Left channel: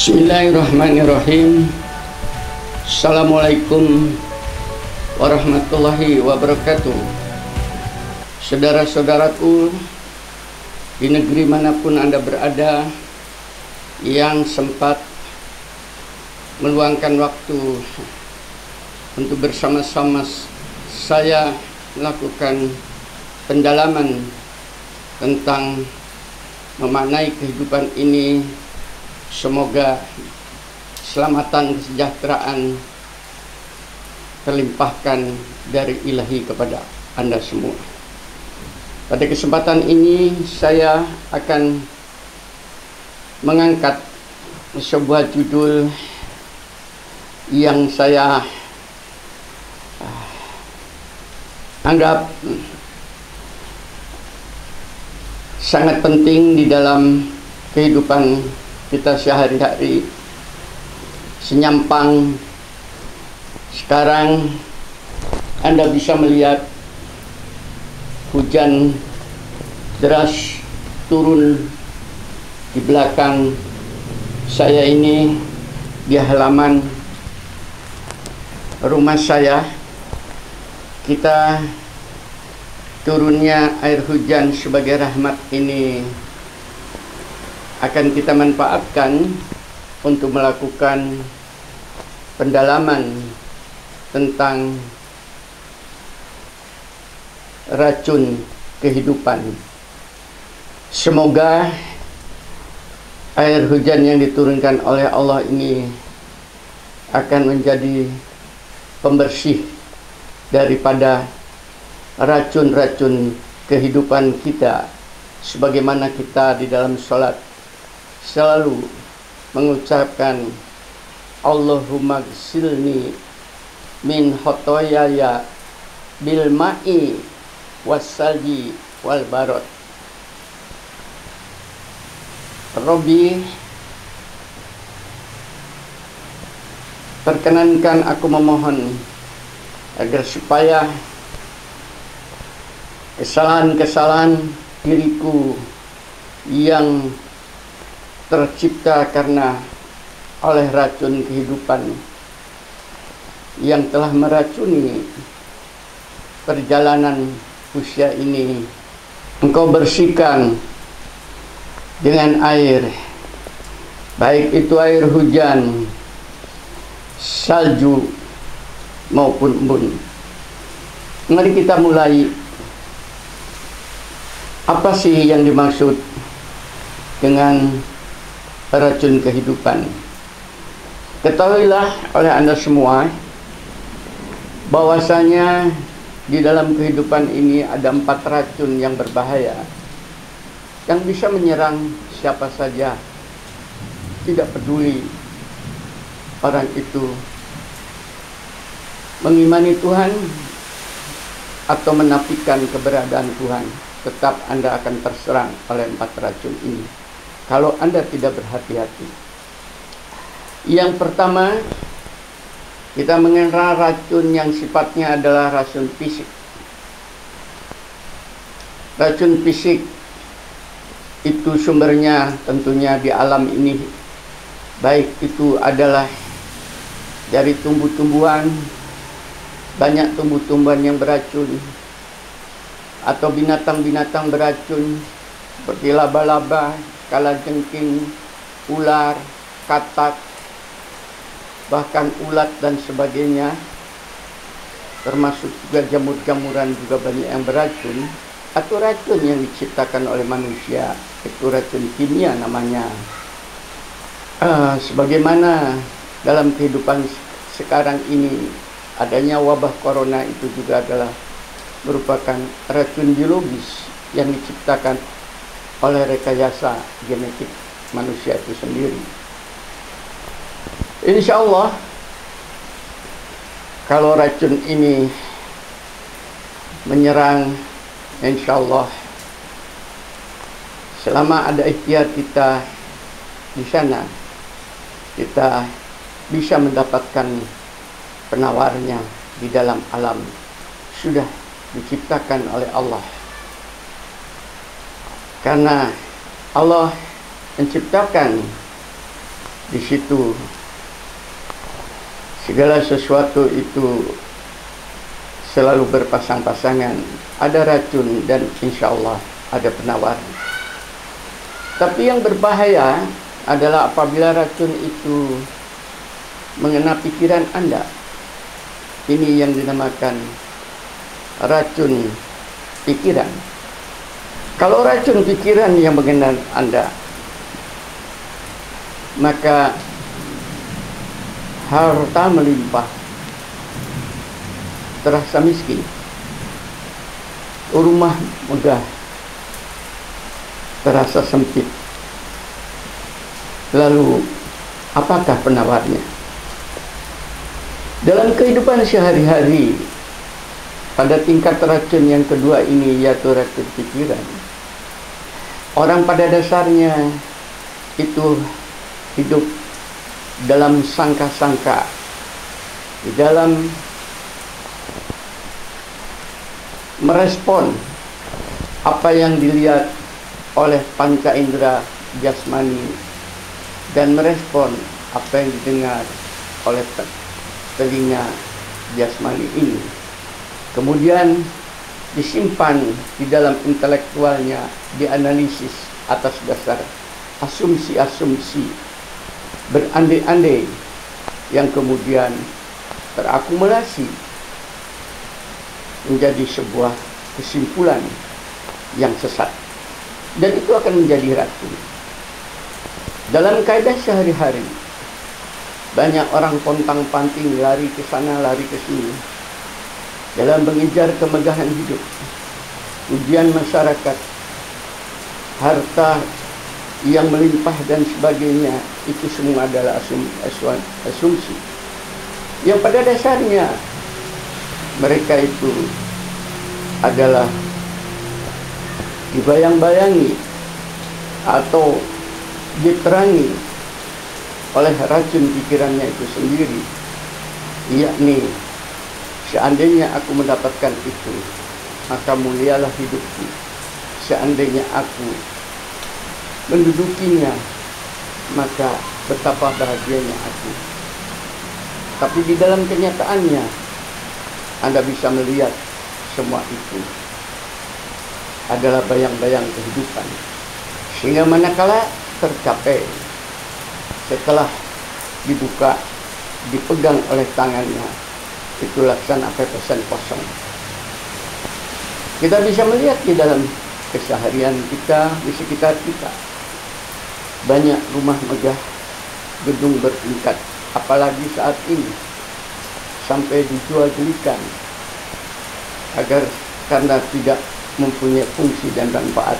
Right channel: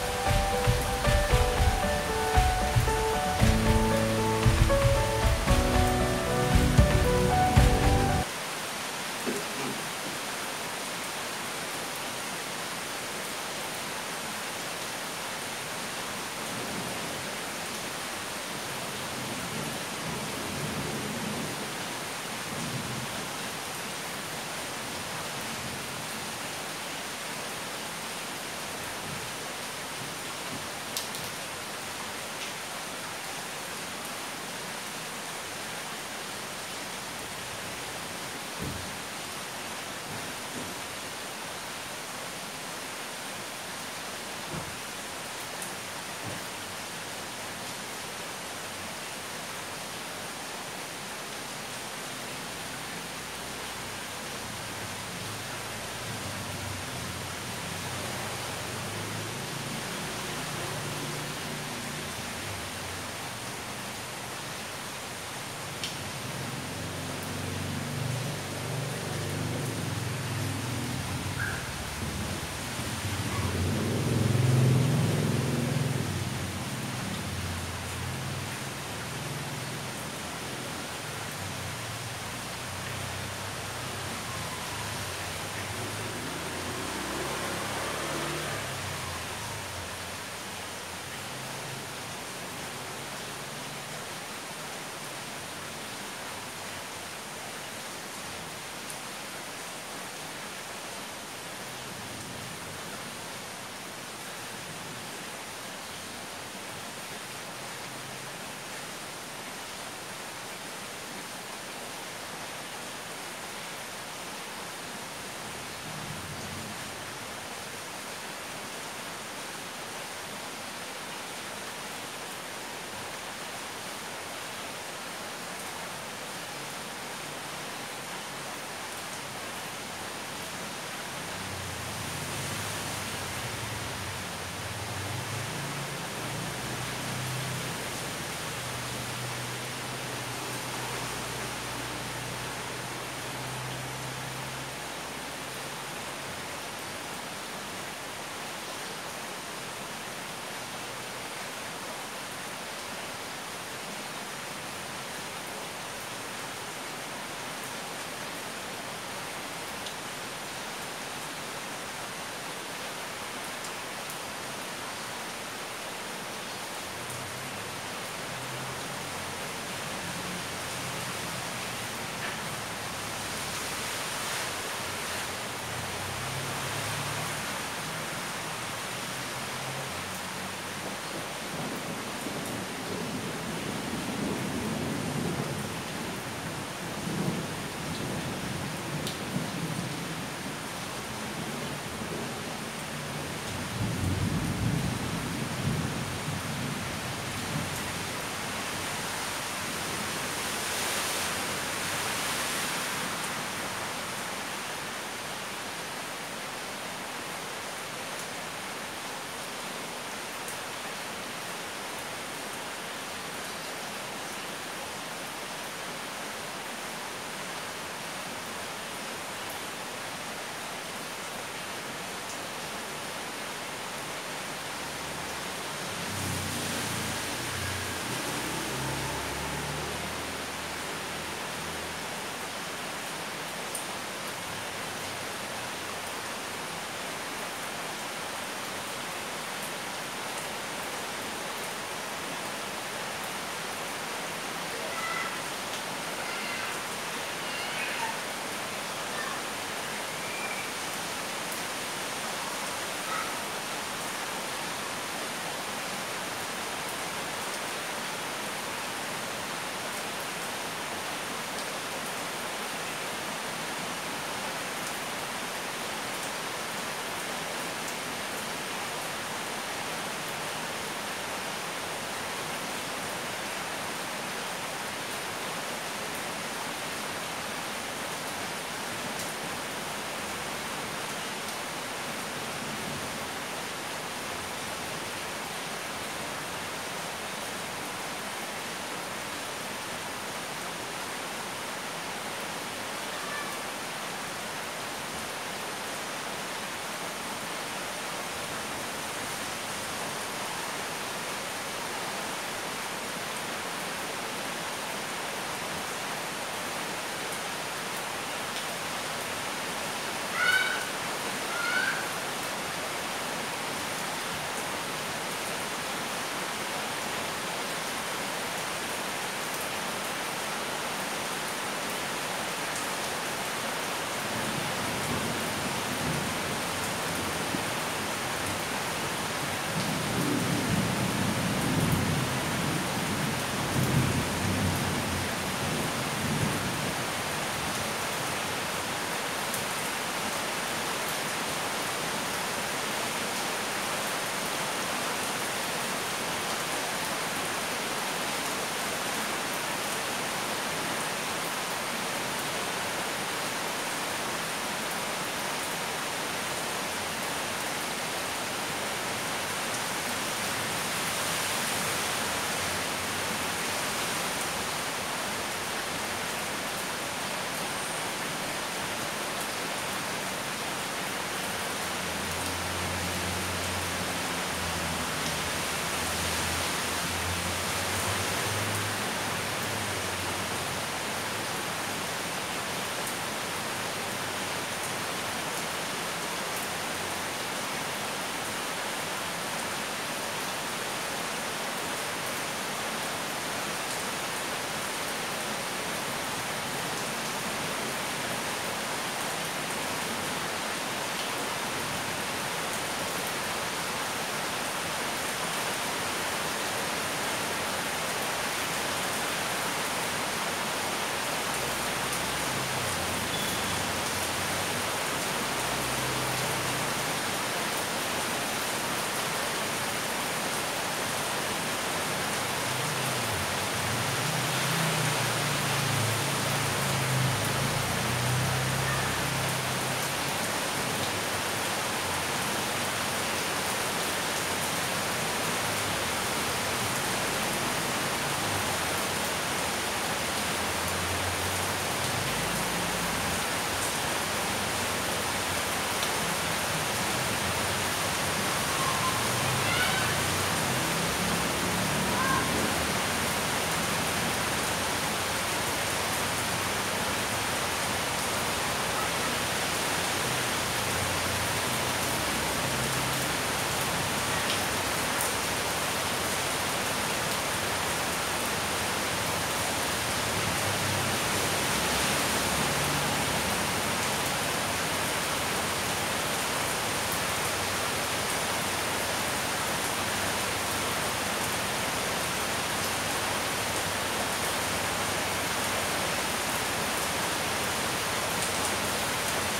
Bismillahirrahmanirrahim. Assalamualaikum warahmatullahi wabarakatuh. Saudara-saudaraku di negeri manapun Anda berada yang sempat meluangkan waktu untuk bersama-sama saya melakukan pendalaman tentang memaknai kehidupan ini. Semoga keselamatan, kesejahteraan terlimpahkan dari Ilahi kepada Anda semua. Pada kesempatan ini saya akan mengangkat sebuah judul yang saya anggap sangat penting di dalam kehidupan kita sehari-hari. Senyampang sekarang Anda bisa melihat hujan deras turun di belakang saya ini, di halaman rumah saya. Kita turunnya air hujan sebagai rahmat ini akan kita manfaatkan untuk melakukan pendalaman tentang racun kehidupan. Semoga air hujan yang diturunkan oleh Allah ini akan menjadi pembersih daripada racun-racun kehidupan kita, sebagaimana kita di dalam sholat selalu mengucapkan Allahumma gsilni min khotoyaya bil ma'i wassalji wal barad. Rabbi, perkenankan aku memohon agar supaya kesalahan-kesalahan diriku yang tercipta karena oleh racun kehidupan yang telah meracuni perjalanan usia ini, Engkau bersihkan dengan air, baik itu air hujan, salju maupun embun. Mari kita mulai. Apa sih yang dimaksud dengan racun kehidupan? Ketahuilah oleh Anda semua bahwasanya di dalam kehidupan ini ada 4 racun yang berbahaya yang bisa menyerang siapa saja, tidak peduli orang itu mengimani Tuhan atau menafikan keberadaan Tuhan. Tetap Anda akan terserang oleh 4 racun ini kalau Anda tidak berhati-hati. Yang pertama, kita mengenal racun yang sifatnya adalah racun fisik. Racun fisik itu sumbernya tentunya di alam ini, baik itu adalah dari tumbuh-tumbuhan, banyak tumbuh-tumbuhan yang beracun, atau binatang-binatang beracun seperti laba-laba, kalajengking, ular, katak, bahkan ulat dan sebagainya, termasuk juga jamur-jamuran juga banyak yang beracun, atau racun yang diciptakan oleh manusia, itu racun kimia namanya. Sebagaimana dalam kehidupan sekarang ini adanya wabah corona itu juga adalah merupakan racun biologis yang diciptakan oleh rekayasa genetik manusia itu sendiri. Insya Allah, kalau racun ini menyerang, insya Allah selama ada ikhtiar kita di sana, kita bisa mendapatkan penawarnya di dalam alam sudah diciptakan oleh Allah. Karena Allah menciptakan Di situ segala sesuatu itu selalu berpasang-pasangan. Ada racun dan insya Allah ada penawar. Tapi yang berbahaya adalah apabila racun itu mengena pikiran Anda. Ini yang dinamakan racun pikiran. Kalau racun pikiran yang mengena Anda, maka harta melimpah, terasa miskin, rumah mudah terasa sempit. Lalu apakah penawarnya? Dalam kehidupan sehari-hari, pada tingkat racun yang kedua ini, yaitu racun pikiran, orang pada dasarnya itu hidup dalam sangka-sangka, di dalam merespon apa yang dilihat oleh panca indera jasmani dan merespon apa yang didengar oleh telinga jasmani ini. Kemudian disimpan di dalam intelektualnya, dianalisis atas dasar asumsi-asumsi berandai-andai yang kemudian terakumulasi menjadi sebuah kesimpulan yang sesat, dan itu akan menjadi racun. Dalam kaidah sehari-hari, banyak orang pontang-panting, lari ke sana, lari ke sini dalam mengejar kemegahan hidup, ujian masyarakat, harta yang melimpah dan sebagainya. Itu semua adalah asumsi yang pada dasarnya mereka itu adalah dibayang-bayangi atau diterangi oleh racun pikirannya itu sendiri, yakni seandainya aku mendapatkan itu, maka mulialah hidupku. Seandainya aku mendudukinya, maka betapa bahagianya aku. Tapi di dalam kenyataannya, Anda bisa melihat semua itu adalah bayang-bayang kehidupan. Sehingga manakala tercapai, setelah dibuka, dipegang oleh tangannya, itu laksana pepesan kosong. Kita bisa melihat di dalam keseharian kita, di sekitar kita, banyak rumah megah, gedung bertingkat, apalagi saat ini sampai dijual belikan agar karena tidak mempunyai fungsi dan manfaat,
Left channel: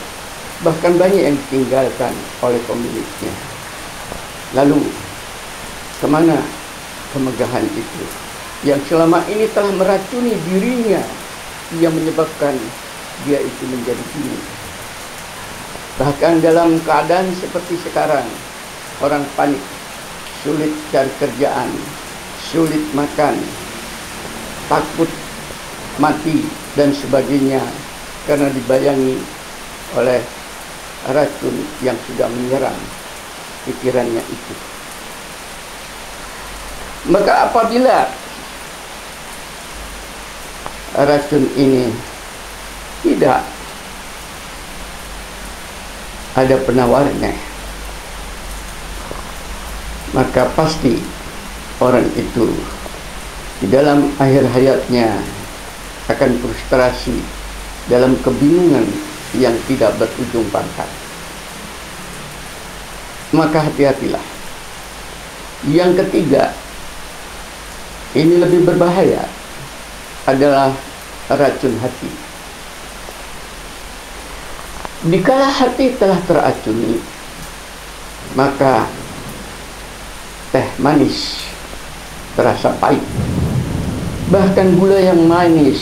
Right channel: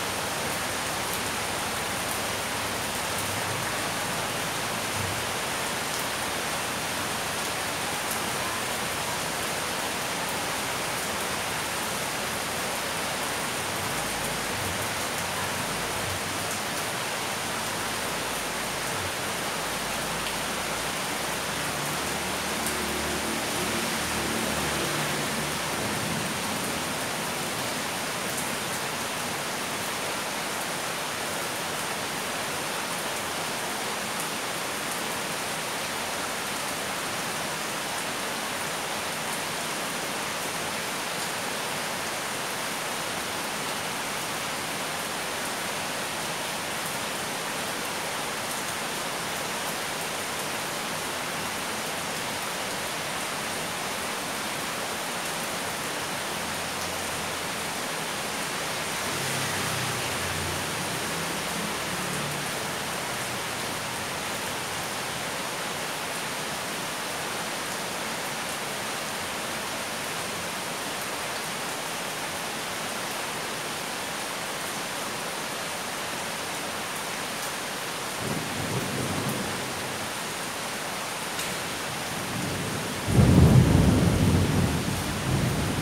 bahkan banyak yang ditinggalkan oleh pemiliknya. Lalu kemana kemegahan itu yang selama ini telah meracuni dirinya, yang menyebabkan dia itu menjadi ini? Bahkan dalam keadaan seperti sekarang, orang panik, sulit cari kerjaan, sulit makan, takut mati dan sebagainya, karena dibayangi oleh racun yang sudah menyerang pikirannya itu. Maka apabila racun ini tidak ada penawarnya, maka pasti orang itu di dalam akhir hayatnya akan frustrasi, dalam kebingungan yang tidak berujung pangkal. Maka hati-hatilah. Yang ketiga, ini lebih berbahaya, adalah racun hati. Dikala hati telah teracuni, maka teh manis terasa pahit, bahkan gula yang manis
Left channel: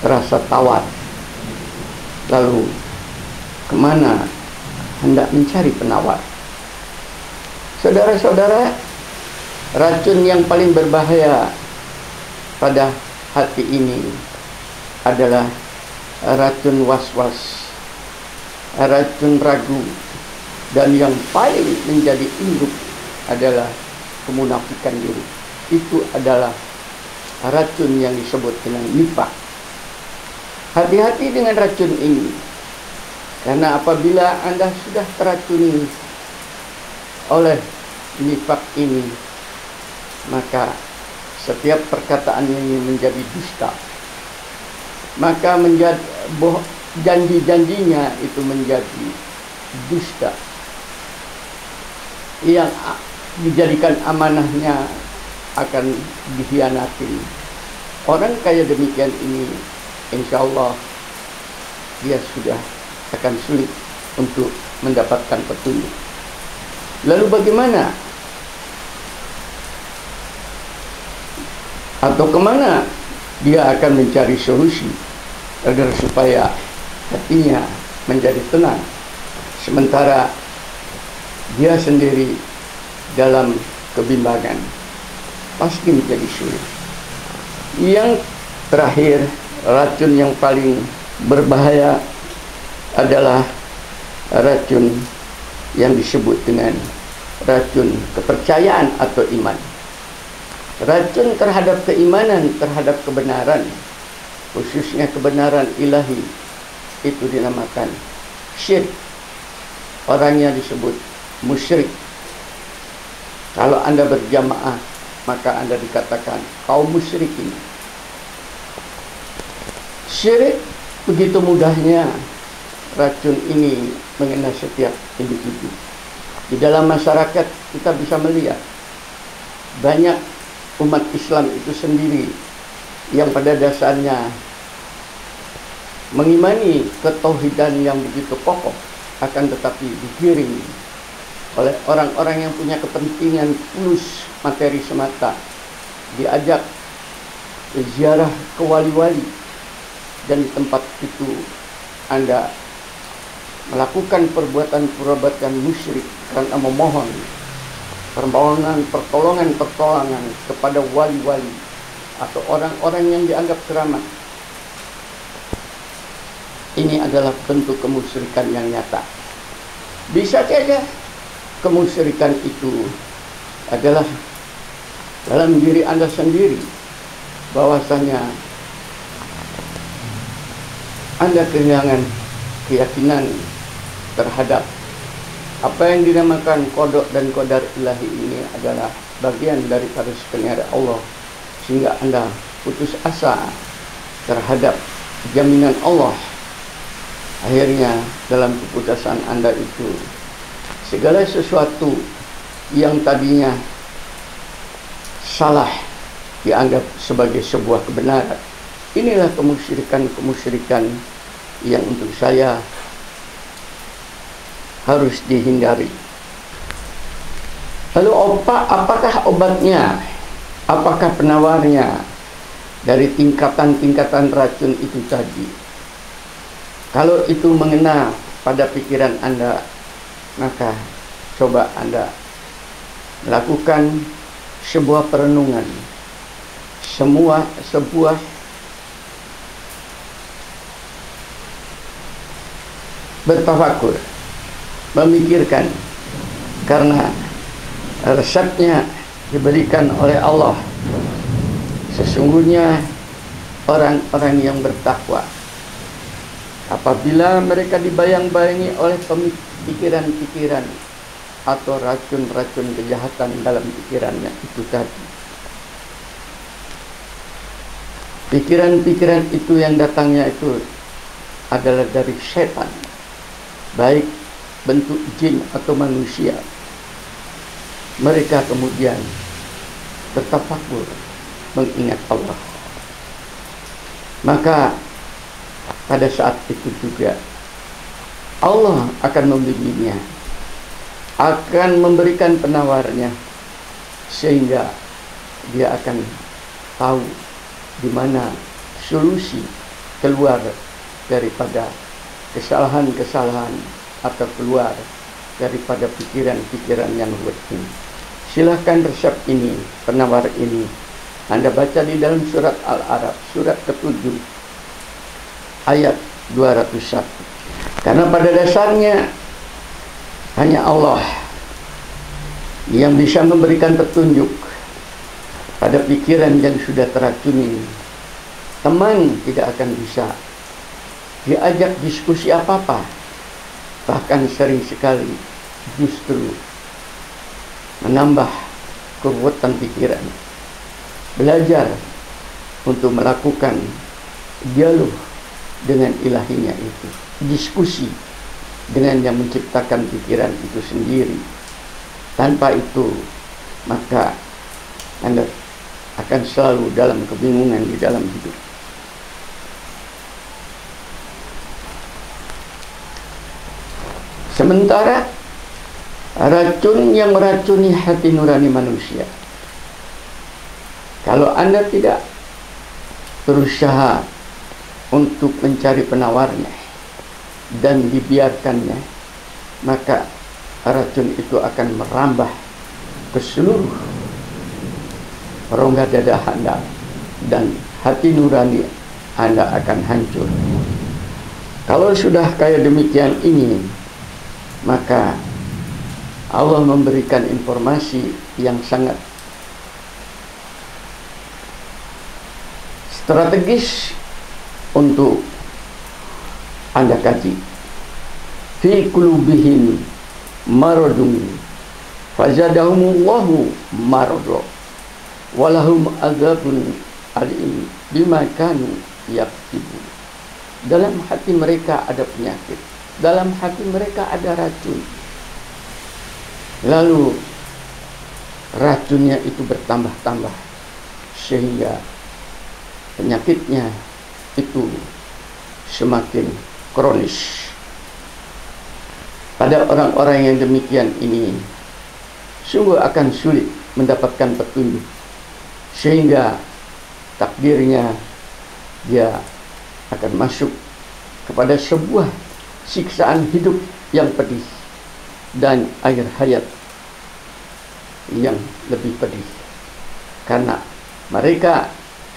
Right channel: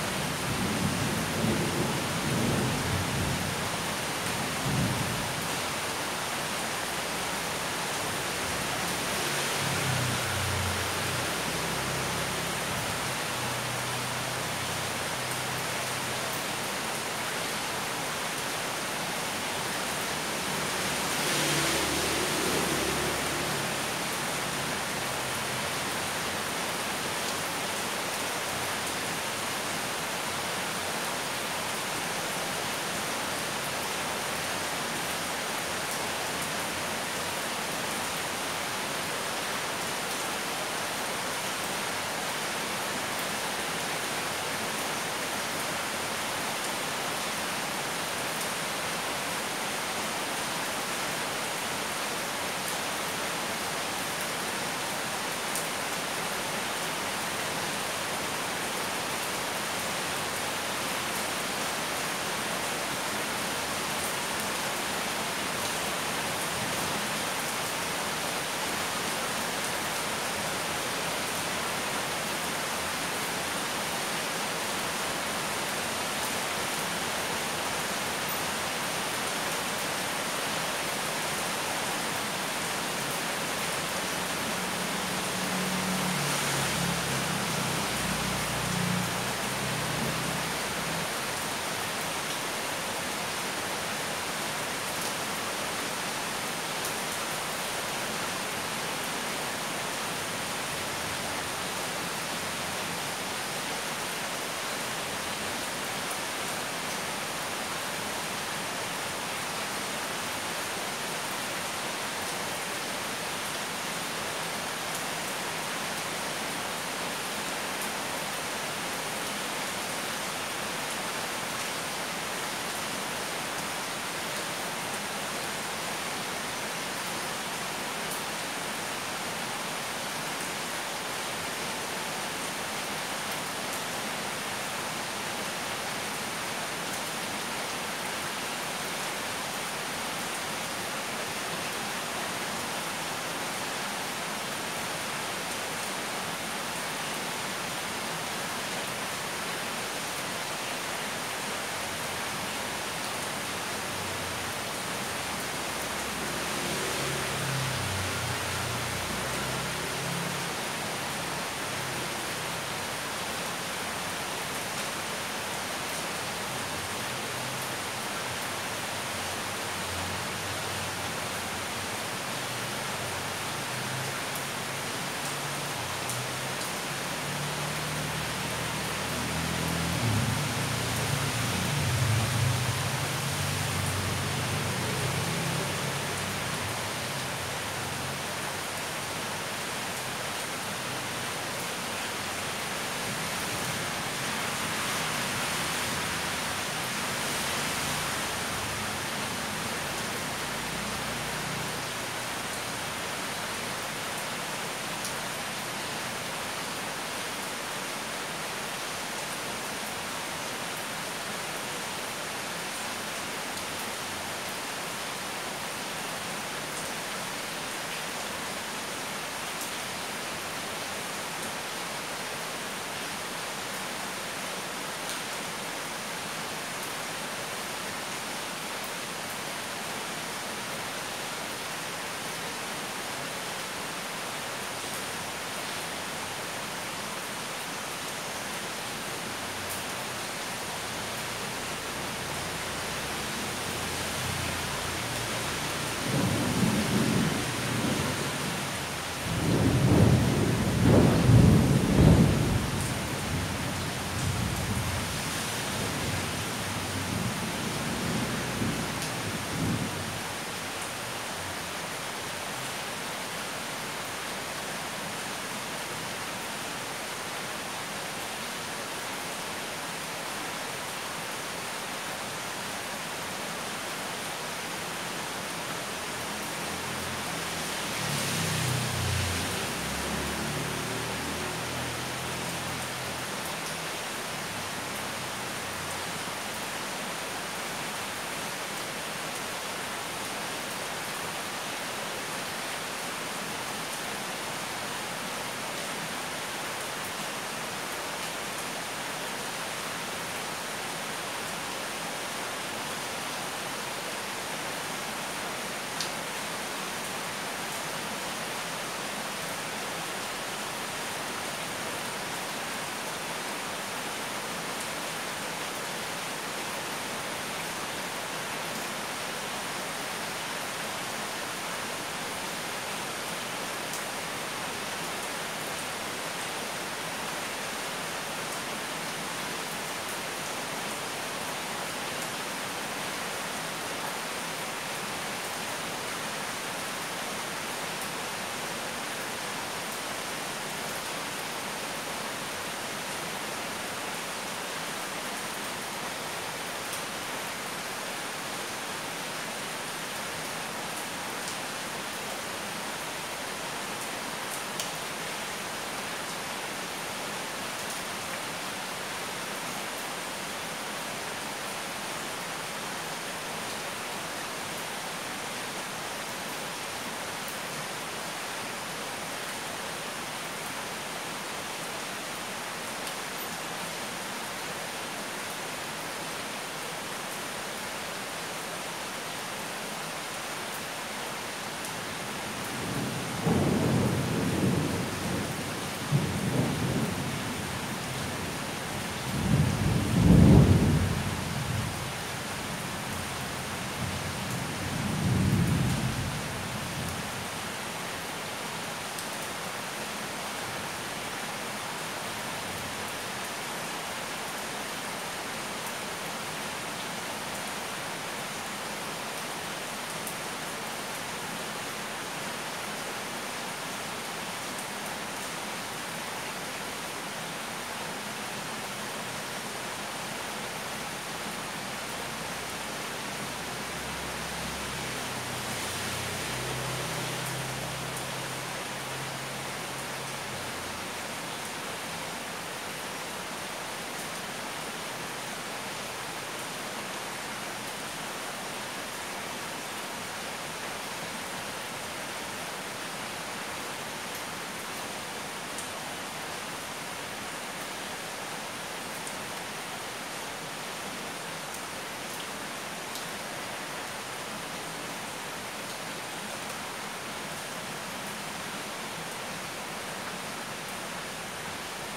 terasa tawar. Lalu kemana hendak mencari penawar? Saudara-saudara, racun yang paling berbahaya pada hati ini adalah racun was-was, racun ragu, dan yang paling menjadi induk adalah kemunafikan diri. Itu adalah racun yang disebut dengan nifaq. Hati-hati dengan racun ini, karena apabila Anda sudah teracuni oleh nifaq ini, maka setiap perkataan ini menjadi dusta. Maka menjadi janji-janjinya itu menjadi dusta, yang dijadikan amanahnya akan dikhianati. Orang kaya demikian ini, insya Allah dia sudah akan sulit untuk mendapatkan petunjuk. Lalu bagaimana? Atau kemana dia akan mencari solusi agar supaya hatinya menjadi tenang, sementara dia sendiri dalam kebimbangan? Pasti menjadi sulit. Yang terakhir, racun yang paling berbahaya adalah racun yang disebut dengan racun kepercayaan atau iman. Racun terhadap keimanan, terhadap kebenaran, khususnya kebenaran ilahi, itu dinamakan syirik. Orangnya disebut musyrik. Kalau Anda berjamaah, maka Anda dikatakan kaum musyrikin. Syirik, begitu mudahnya racun ini mengenai setiap individu. Di dalam masyarakat kita bisa melihat banyak umat Islam itu sendiri yang pada dasarnya mengimani ketauhidan yang begitu kokoh, akan tetapi digiring oleh orang-orang yang punya kepentingan tulus materi semata, diajak ziarah ke wali-wali, dan di tempat itu Anda melakukan perbuatan-perbuatan musyrik karena memohon pertolongan kepada wali-wali atau orang-orang yang dianggap keramat. Ini adalah bentuk kemusyrikan yang nyata. Bisa saja kemusyrikan itu adalah dalam diri Anda sendiri, bahwasanya Anda kehilangan keyakinan terhadap apa yang dinamakan qada dan qadar ilahi ini adalah bagian dari garis pengaruh Allah, sehingga Anda putus asa terhadap jaminan Allah. Akhirnya dalam keputusan Anda itu, segala sesuatu yang tadinya salah dianggap sebagai sebuah kebenaran. Inilah kemusyrikan yang untuk saya harus dihindari. Lalu apakah obatnya? Apakah penawarnya dari tingkatan-tingkatan racun itu tadi? Kalau itu mengena pada pikiran Anda, maka coba Anda lakukan sebuah perenungan, sebuah bertafakur, memikirkan, karena resepnya diberikan oleh Allah. Sesungguhnya orang-orang yang bertakwa, apabila mereka dibayang-bayangi oleh pikiran-pikiran atau racun-racun kejahatan dalam pikirannya itu tadi, pikiran-pikiran itu yang datangnya itu adalah dari setan, baik bentuk jin atau manusia, mereka kemudian tertafakur mengingat Allah. Maka pada saat itu juga Allah akan membimbingnya, akan memberikan penawarnya, sehingga dia akan tahu di mana solusi keluar daripada kesalahan-kesalahan atau keluar daripada pikiran-pikiran yang berarti. Silahkan resep ini, penawar ini, Anda baca di dalam surat Al-A'raf, surat ke-7, ayat 201. Karena pada dasarnya hanya Allah yang bisa memberikan petunjuk pada pikiran yang sudah teracuni. Teman tidak akan bisa diajak diskusi apa-apa, bahkan sering sekali justru menambah kekuatan pikiran. Belajar untuk melakukan dialog dengan ilahinya itu, diskusi dengan yang menciptakan pikiran itu sendiri. Tanpa itu, maka Anda akan selalu dalam kebingungan di dalam hidup. Sementara racun yang meracuni hati nurani manusia, kalau Anda tidak berusaha untuk mencari penawarnya dan dibiarkannya, maka racun itu akan merambah ke seluruh rongga dada Anda dan hati nurani Anda akan hancur. Kalau sudah kayak demikian ini, maka Allah memberikan informasi yang sangat strategis untuk Anda kaji. Fi qulubihim maradun fazadahumullahu marada walahum azabun alim bima kanu yaksibun. Dalam hati mereka ada penyakit, dalam hati mereka ada racun. Lalu racunnya itu bertambah-tambah sehingga penyakitnya itu semakin kronis. Pada orang-orang yang demikian ini sungguh akan sulit mendapatkan petunjuk, sehingga takdirnya dia akan masuk kepada sebuah siksaan hidup yang pedih dan air hayat yang lebih pedih, karena mereka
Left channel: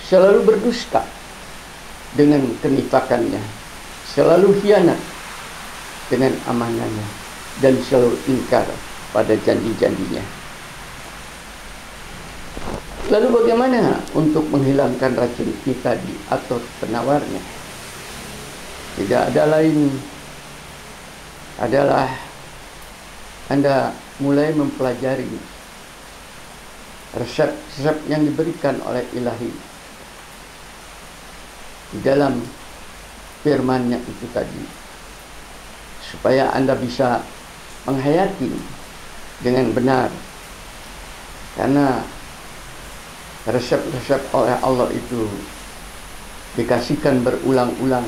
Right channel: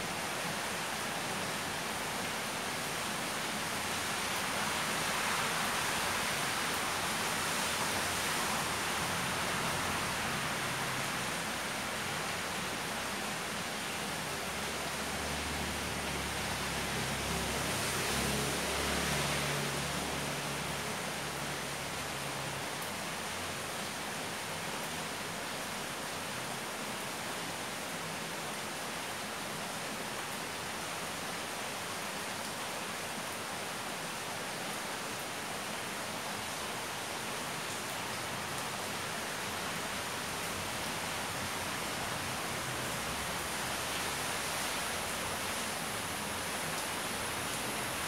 selalu berdusta dengan kenifakannya, selalu khianat dengan amanahnya, dan selalu ingkar pada janji-janjinya. Lalu bagaimana untuk menghilangkan racun itu tadi atau penawarnya? Tidak ada lain adalah Anda mulai mempelajari resep-resep yang diberikan oleh Ilahi di dalam firman-Nya itu tadi, supaya Anda bisa menghayati dengan benar. Karena resep-resep oleh Allah itu dikasihkan berulang-ulang,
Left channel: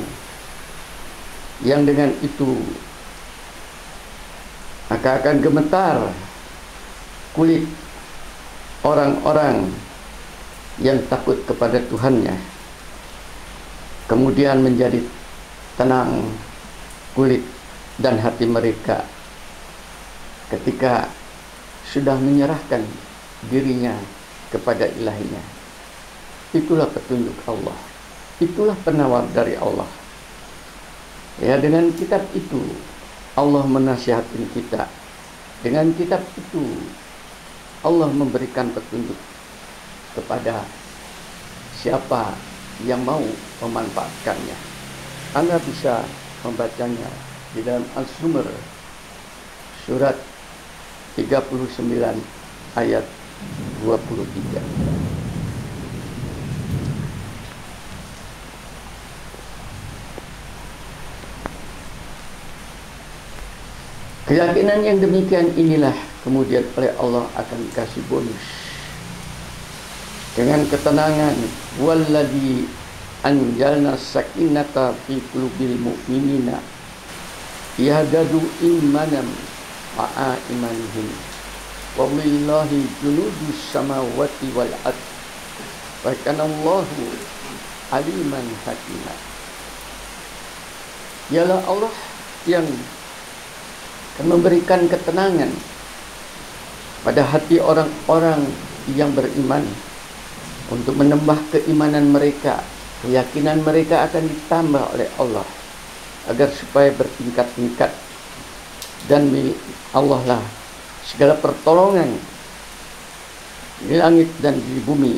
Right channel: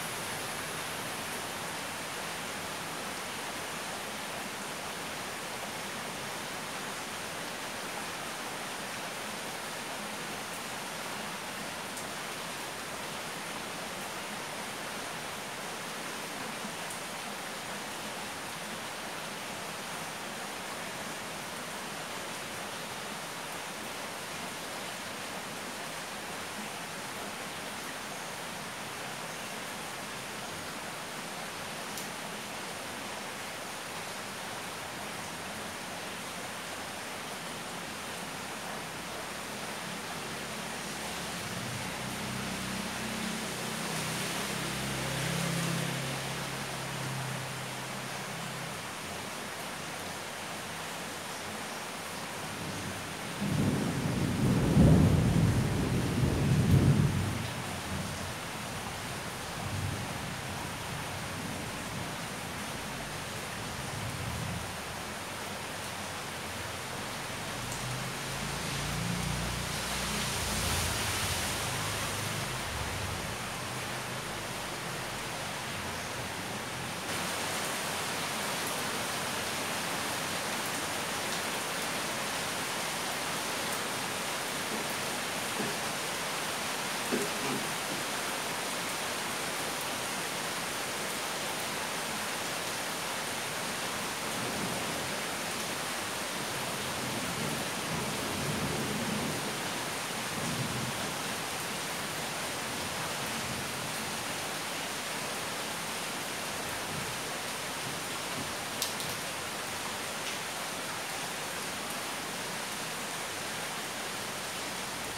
yang dengan itu maka akan gemetar kulit orang-orang yang takut kepada Tuhannya, kemudian menjadi tenang kulit dan hati mereka ketika sudah menyerahkan dirinya kepada Ilahinya. Itulah petunjuk Allah, itulah penawar dari Allah. Ya, dengan kitab itu Allah menasihati kita. Dengan kitab itu Allah memberikan petunjuk kepada siapa yang mau memanfaatkannya. Anda bisa membacanya di dalam Al-Zumar surat 39 ayat 23. Keyakinan yang demikian inilah kemudian oleh Allah akan dikasih bonus dengan ketenangan. Walladzi anjalna sakinata fi qulubil mu'minina yahdadu imanan ma'a imanihim wa billahi junudus samawati wal ardh wa kana Allahu aliman hakima. Dialah Allah yang memberikan ketenangan pada hati orang-orang yang beriman, untuk menambah keimanan mereka. Keyakinan mereka akan ditambah oleh Allah agar supaya bertingkat-tingkat, dan milik Allah lah segala pertolongan di langit dan di bumi,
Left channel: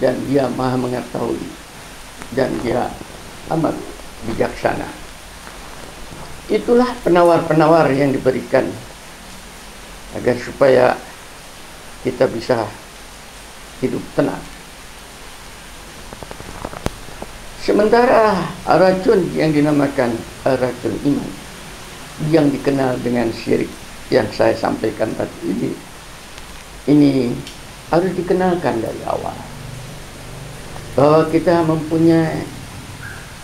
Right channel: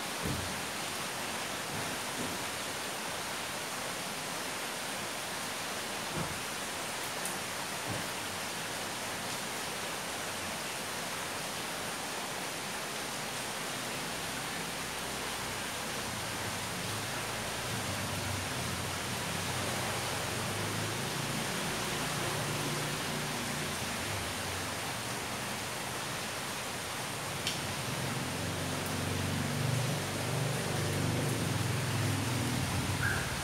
dan Dia Maha mengetahui, dan Dia amat bijaksana. Itulah penawar-penawar yang diberikan agar supaya kita bisa hidup tenang. Sementara racun yang dinamakan racun ini, yang dikenal dengan syirik yang saya sampaikan tadi ini harus dikenalkan dari awal, bahwa kita mempunyai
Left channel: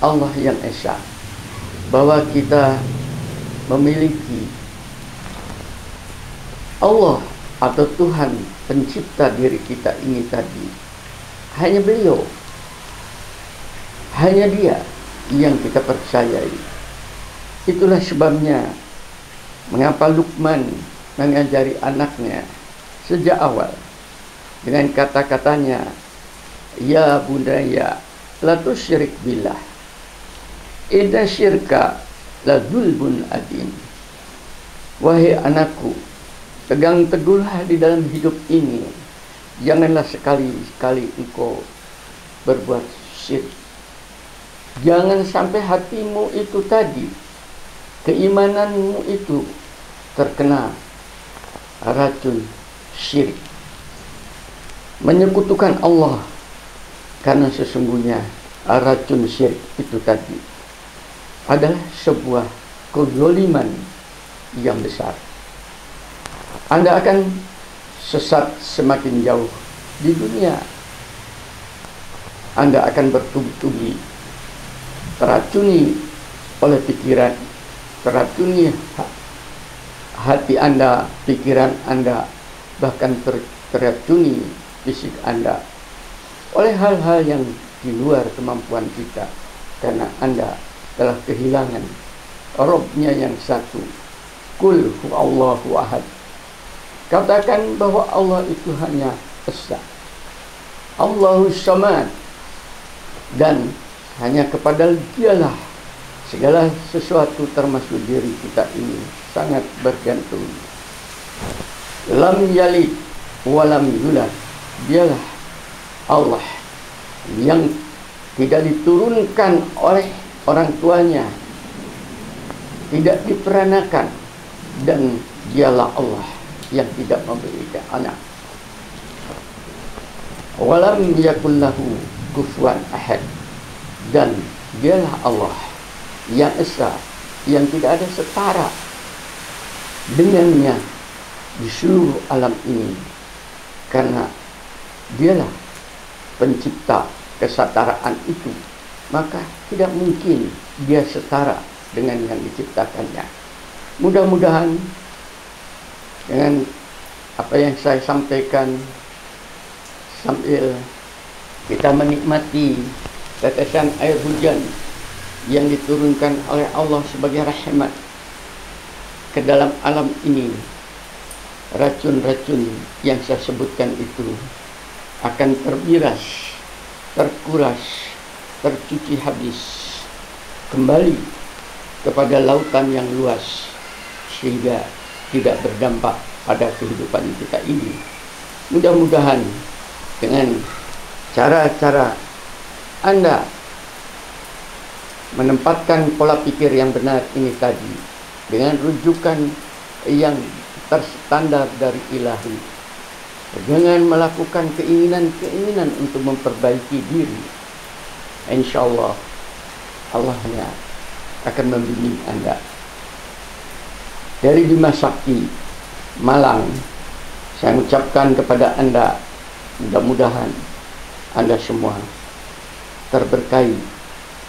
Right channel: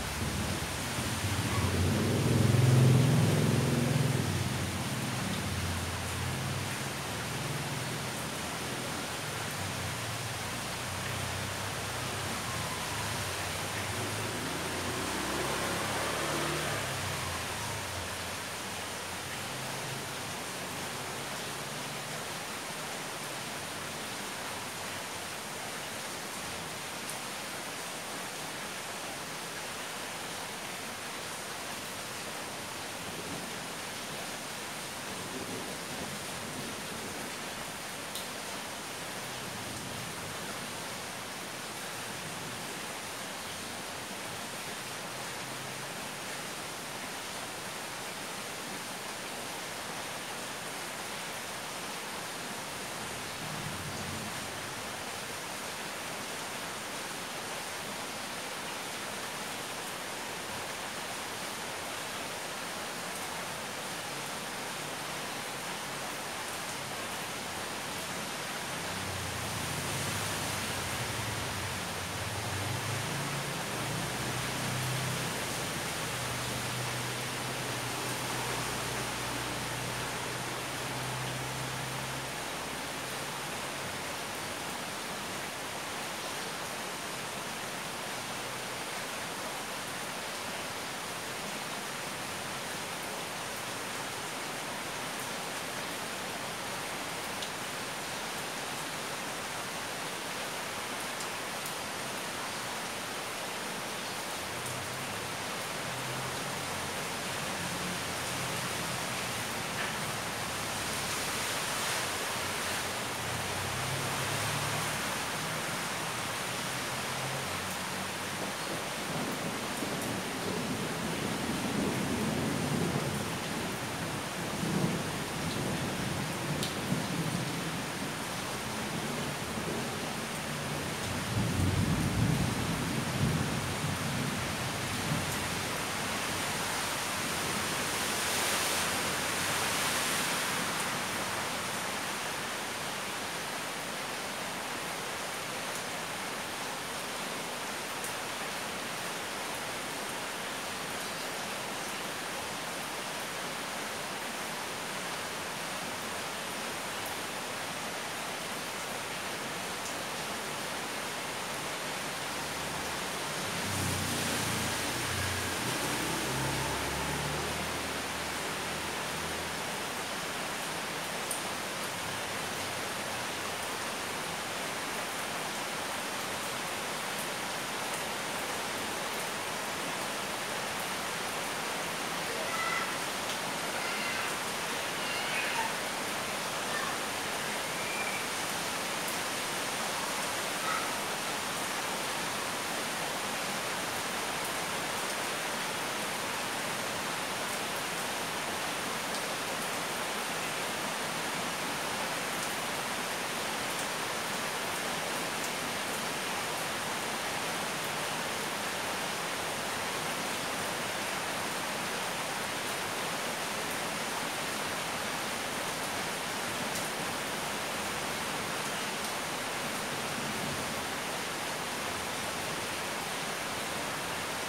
Allah yang esa, bahwa kita memiliki Allah atau Tuhan pencipta diri kita ini tadi. Hanya Beliau, hanya Dia yang kita percayai. Itulah sebabnya mengapa Luqman mengajari anaknya sejak awal dengan kata-katanya, ya bunaya la tusyrik billah, inna syirka la dzulmun adzim. Wahai anakku, tegang teguhlah di dalam hidup ini, janganlah sekali-kali engkau berbuat syirik. Jangan sampai hatimu itu tadi, keimananmu itu terkena racun syirik, menyekutukan Allah. Karena sesungguhnya racun syirik itu tadi adalah sebuah kezaliman yang besar. Anda akan sesat semakin jauh di dunia. Anda akan bertubi-tubi teracuni oleh pikiran, teracuni hati Anda, pikiran Anda, bahkan teracuni fisik Anda oleh hal-hal yang di luar kemampuan kita, karena Anda telah kehilangan Rabb-Nya yang satu. Qul huwallahu ahad. Katakan bahwa Allah itu hanya esa, Allahus samad, dan hanya kepada Dialah segala sesuatu termasuk diri kita ini sangat bergantung. Lam yalid walam yulad. Dialah Allah yang tidak diturunkan oleh orang tuanya, tidak diperanakan, dan Dialah Allah yang tidak memiliki anak. Walam yakul lahu kufuwan ahad. Dan Dialah Allah yang esa, yang tidak ada setara dengannya di seluruh alam ini, karena Dialah pencipta kesetaraan itu, maka tidak mungkin Dia setara dengan yang diciptakannya. Mudah-mudahan dengan apa yang saya sampaikan, sambil kita menikmati tetesan air hujan yang diturunkan oleh Allah sebagai rahmat ke dalam alam ini, racun-racun yang saya sebutkan itu akan terbiras, terkuras, tercuci habis, kembali kepada lautan yang luas, sehingga tidak berdampak pada kehidupan kita ini. Mudah-mudahan dengan cara-cara Anda menempatkan pola pikir yang benar ini tadi, dengan rujukan yang terstandar dari ilahi, dengan melakukan keinginan-keinginan untuk memperbaiki diri, insya Allah Allahnya akan membimbing Anda. Dari Bima Sakti Malang, saya ucapkan kepada Anda, mudah-mudahan Anda semua terberkahi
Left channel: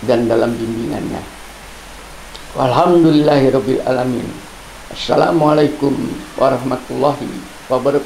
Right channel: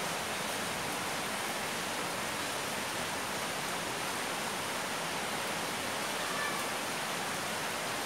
dan dalam bimbingannya. Alhamdulillahirabbil alamin. Assalamualaikum warahmatullahi wabarakatuh.